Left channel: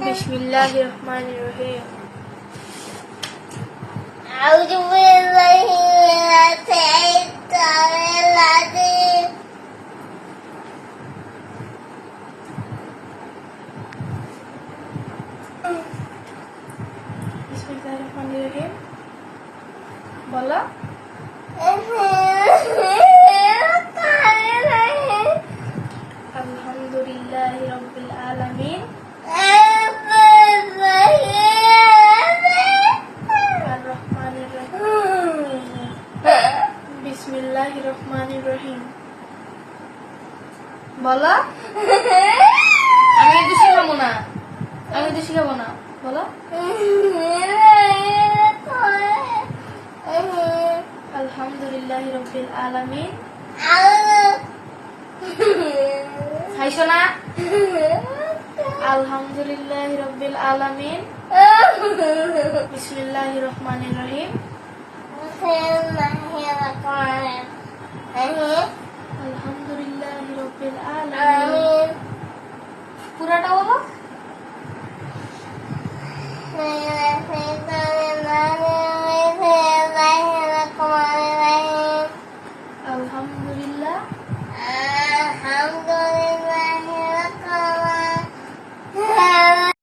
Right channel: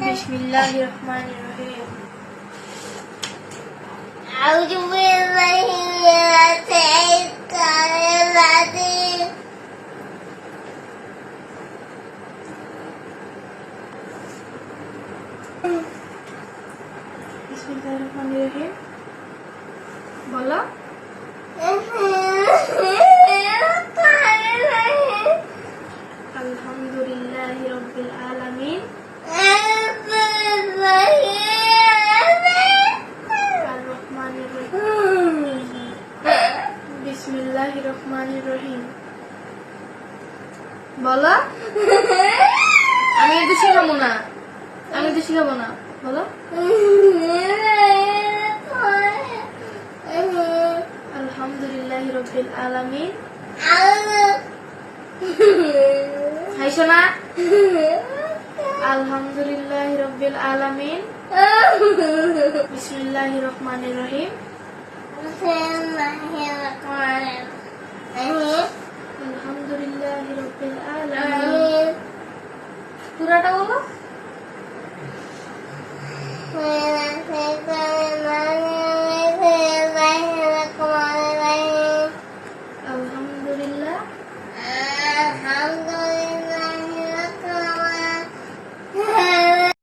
বিসমিল্লাহির রহমানির রহিম। আউযু বিল্লাহি মিনাশ শাইতানির রাজিম। বিসমিল্লাহির রহমানির রহিম। বলো। আলহামদুলিল্লাহি রাব্বিল আলামিন। আর রহমানির রহিম। বিসমিল্লাহির রহমানির রহিম। বলো। আমি এটা শিখাবো না, বলো। আলহামদুলিল্লাহি রাব্বিল আলামিন। খাইছো না? আলহামদুলিল্লাহি রাব্বিল আলামিন। বিসমিল্লাহির রহমানির রহিম।